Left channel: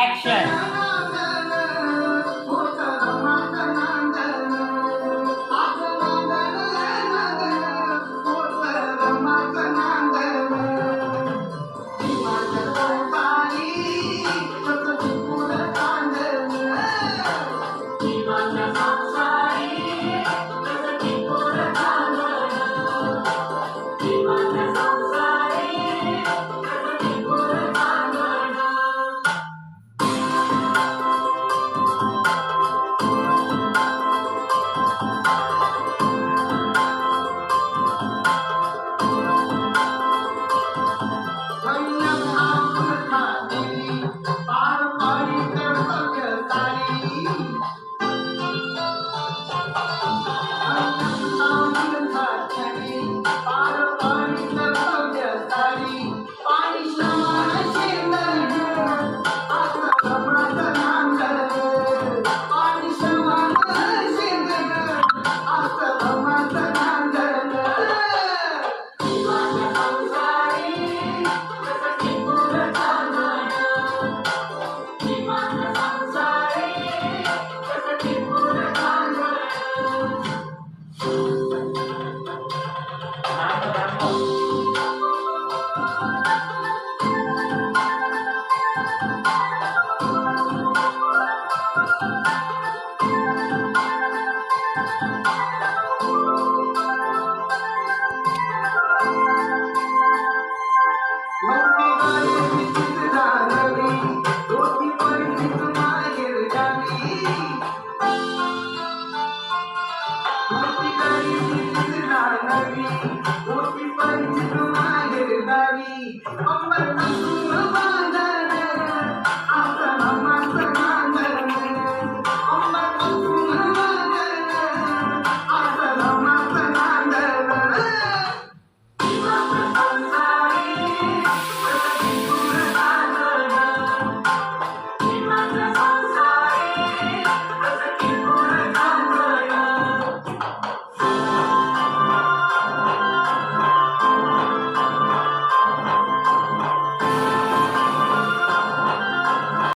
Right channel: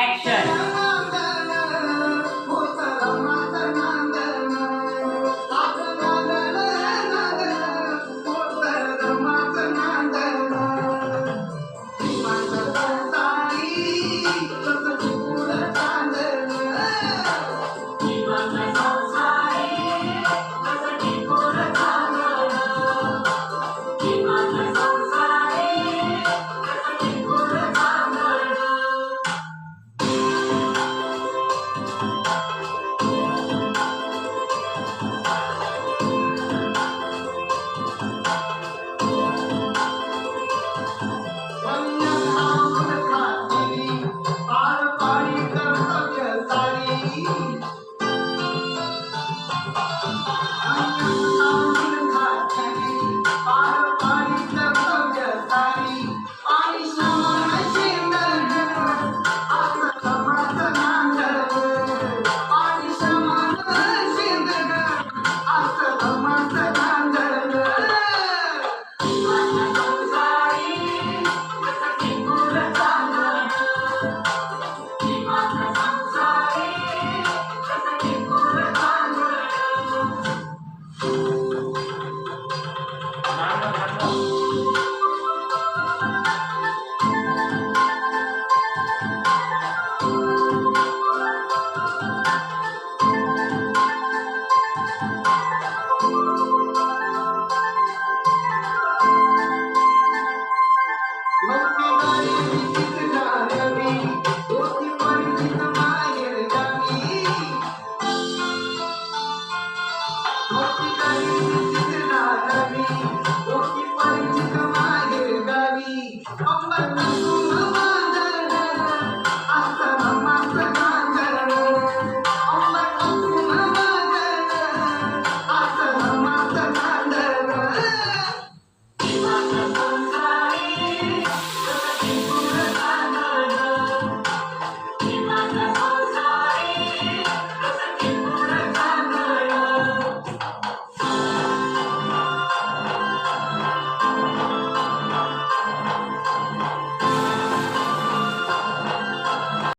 action.